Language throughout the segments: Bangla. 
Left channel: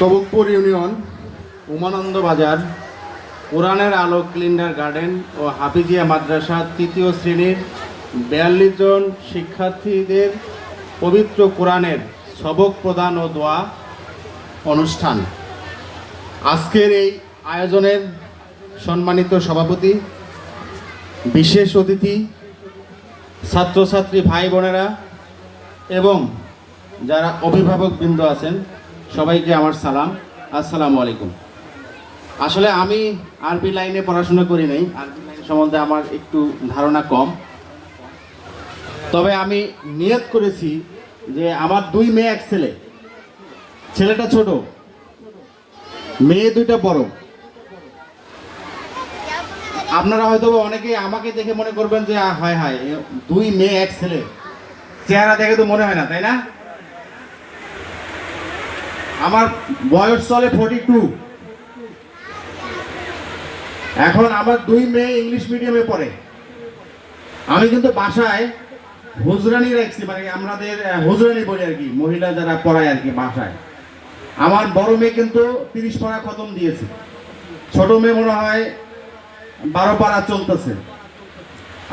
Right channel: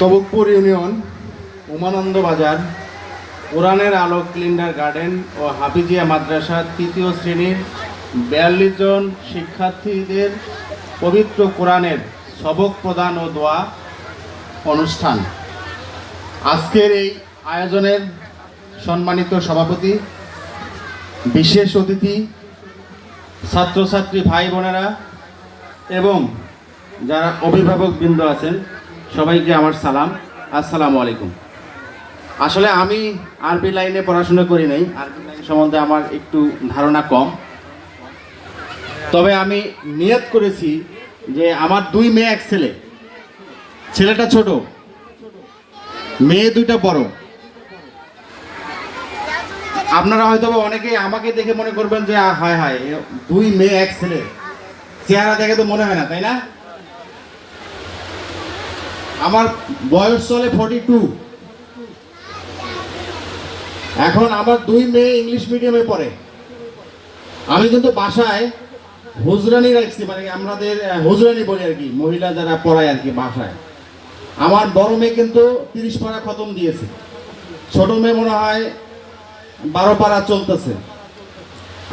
তবুকপুর ইউনিয়ন, উমানন্দ বাজার কোরআনের আলো ক্লিন্ডার গার্ডেন ও হাফিজিয়া মাদ্রাসা তৃতীয় শ্রেণির বিয়াল্লিশ জন শিক্ষার্থীদের পবিত্র কোরআনের সবক প্রদান ও দোয়া অনুষ্ঠান। আজকের এই আয়োজনের সম্মানিত সভাপতি, বিশেষ অতিথি, ছাত্রছাত্রী ভাই বোনেরা এবং যারা অভিভাবক বৃন্দ আছেন সবাইকে আমার সালাম। আসসালামু আলাইকুম। আসলে আমি আরবি লাইনে পড়াশোনা করি নাই। আরবি লাইন সম্বন্ধে আমার একটু ধারণা কম। তবে আমি নিয়ত করেছি যে আমার দুই মেয়ে, এক ছেলে। ছেলেটা ছোট, মেয়ে দুইটা বড়। আপনারা হয়তো অনেকেই আমাকে দেখে মনে করবেন যে হায় হায় দুই মেয়ে, এক ছেলে। চেহারা দেখে তো মনে হয় না, তাই না? আমার বয়স চলে ফর্টি টু এখন আমার দুই মেয়ে ইংলিশ মিডিয়ামে পড়ে। আমি কিন্তু বাসায় হুজরানি রাখছি মানে আমাদের হুজরানি বলি আর কি, মহিলা যারা পড়ায় আর কি বাসায়। আমার বড় মেয়ে কিন্তু তিরিশ পাড়া খতম দিয়েছে। ছোট মেয়ে মনে হয় বারো পাড়া চলতেছে।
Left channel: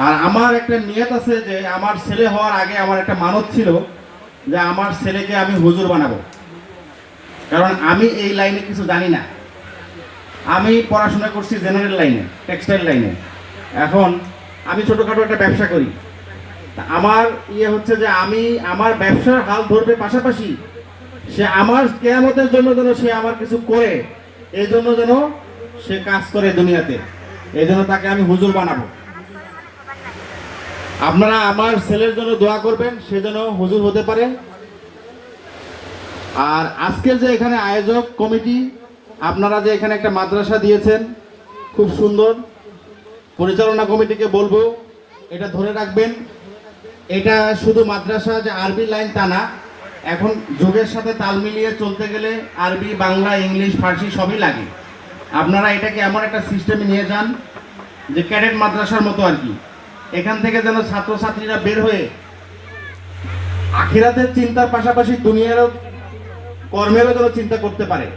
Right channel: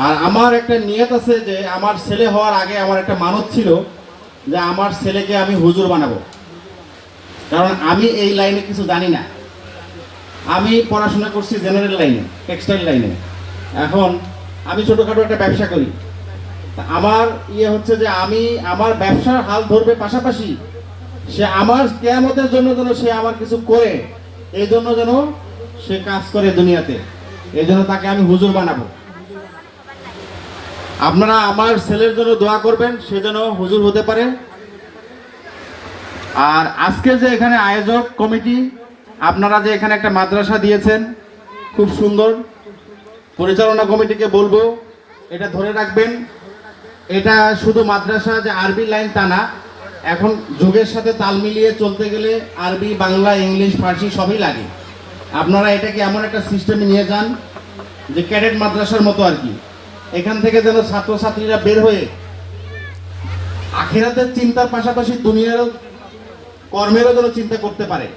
আর আমার একটা নিয়ত আছে যে, আমার ছেলে হওয়ার আগে আমার একটা মানত ছিল যে, আমার ছেলেকে আমি হুজুর বানাবো। কারণ আমি এই লাইনে কিছু জানি না। আমি পড়াশোনা করছি জেনারেল লাইনে, টেক্সটাইল লাইনে। এখন আমি ছোটোখাটো একটা ব্যবসা করি। আমার ইয়ে হচ্ছে যে আমি আমার ব্যবসার হাল ধরবে পাশাপাশি সে আমার কেয়ামতের জন্য যেন সে আমার কিছু করে, এই জন্য যেন সে কাজ করে দুনিয়াতে। এই জন্য তাকে আমি হুজুর বানাবো। আপনারা আমার ছেলের জন্য দোয়া করবেন, সে যেন হুজুর হতে পারে। আর আজকে যে এখানে আয়োজক কমিটি, আপনারা যে এখানে একটা মাদ্রাসা দিয়েছেন, খুব সুন্দর পরিচালনা কমিটিকে বলব, এটা ধরে রাখবেন, এটা শুধু মাদ্রাসা যে আরবি লাইন তা না, এখন যুগের সাথে তাল মিলিয়ে চলতে গেলে আরবি, বাংলা, ইংলিশ, ফার্সি সবই লাগে। আপনারা এটাকে এমন একটা সিস্টেমে নিয়ে যান, যে ক্যাডেট মাদ্রাসার মতো আর কি। এখান থেকে যেন ছাত্রছাত্রীরা বের হয়ে আখিরাতের চিন্তার পাশাপাশি দুনিয়ারও কর্মেরও যেন চিন্তা করতে পারে।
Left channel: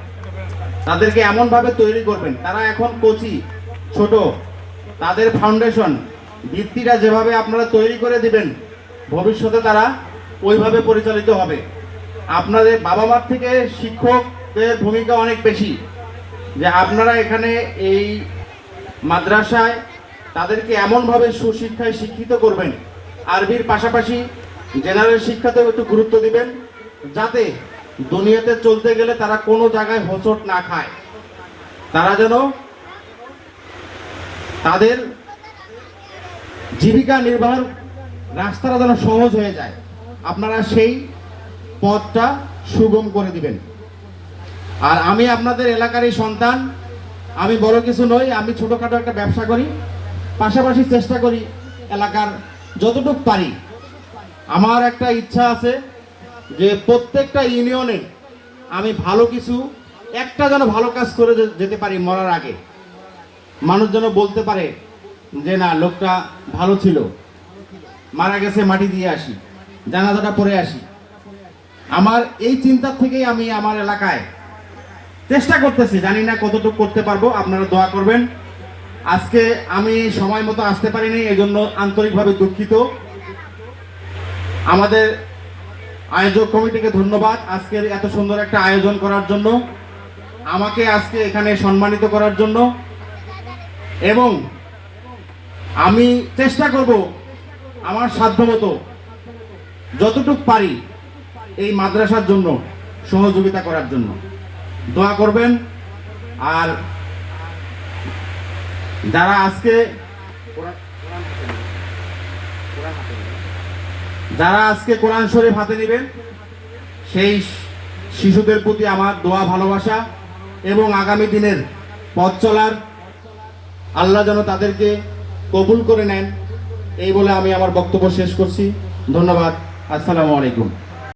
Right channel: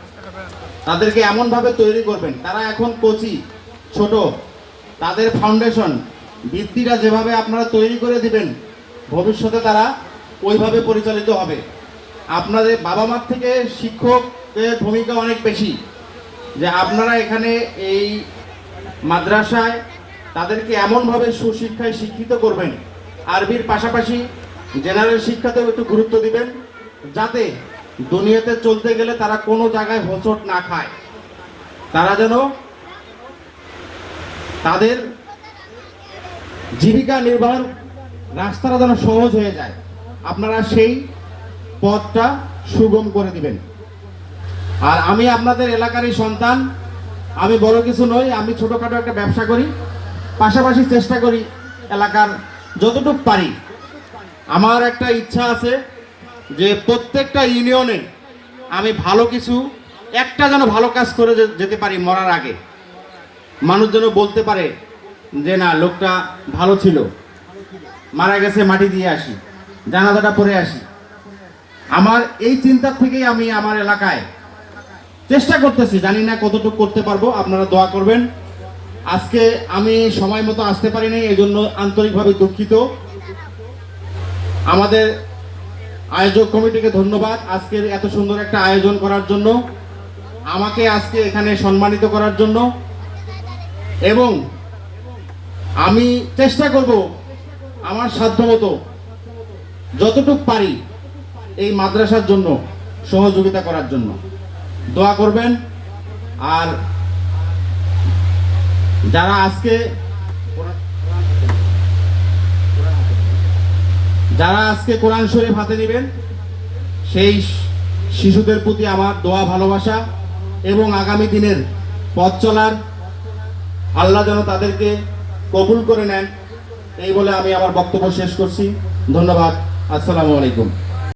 তাদেরকে এমনভাবে তৈরি করবেন, তারা এখন কোচি, ছোট। তাদের ফাউন্ডেশন ভিত্তিটা যেভাবে আপনারা তৈরি করে দিবেন, ভবিষ্যতে তারা ওইভাবে পরিচালিত হবে। আপনাদের বাবা মার থেকে শিক্ষকের ভূমিকা অনেক বেশি। যে আপনারা এখানে এই মাদ্রাসায় তাদেরকে এমনভাবে সুশিক্ষায় শিক্ষিত করবেন। আরবির পাশাপাশি জেনারেল শিক্ষাতেও একটু গুরুত্ব দিবেন, যাতে দুনিয়াতে চলতে গেলে তারা কোনো জায়গায় হোঁচট না খায়। তারা যেন তাদের জীবিকা নির্বাহন রাস্তাটা যেন সহজ হয়ে যায়। আপনারা সেই পথটা সুগম করে দিবেন। আর আমি আপনাদের এলাকারই সন্তান, আমি বড় কিছু নই, আমি ছোটোখাটো একটা ব্যবসা করি, পাশাপাশি চেষ্টা করি এলাকার যতটুকু পারি। আমার একটা ইচ্ছা আছে যে প্রত্যেকটা ইউনিয়নে আমি ভালো কিছু, একটা যেন ভালো কাজ করে যেতে পারি মরার আগে। মানুষ যেন বলতে পারে যে, না, লোকটা ভালো ছিল। মারা গেছে, মাটি দিয়ে আসি, জানাজাটা পরে আসি। আমার এই চিন্তা থেকেই আমি আমার এলাকায় চেষ্টা করতেছি। জানি না কতটুকু করতে পারব, আপনারা দোয়া করবেন। আজকে আমি সময় মতো আসতে পারিনি এই জন্য আন্তরিকভাবে দুঃখিত। আমাদের আয়োজক কমিটিকে ধন্যবাদ। আজকের এত সুন্দর একটা আয়োজন করার জন্য, আমাকে আজকে এখানে সম্মানিত করার জন্য। এবং আমি চেষ্টা করব আমার সাধ্যমতো যতটুকু পারি এই মাদ্রাসার জন্য সহযোগিতা করার জন্য। দোয়া করবেন। আর যারা আজকে যারা আজকে কোরআন শরীফ হাতে নেবেন, সেই শিশুদের প্রতি আমার দোয়া, ভালোবাসা এবং আগামী দিনের পথ চলার আল্লাহ যেন তাদেরকে কবুল করে নেন, এই বলে আমি আমার বক্তব্য শেষ করছি। ধন্যবাদ। আসসালামু আলাইকুম।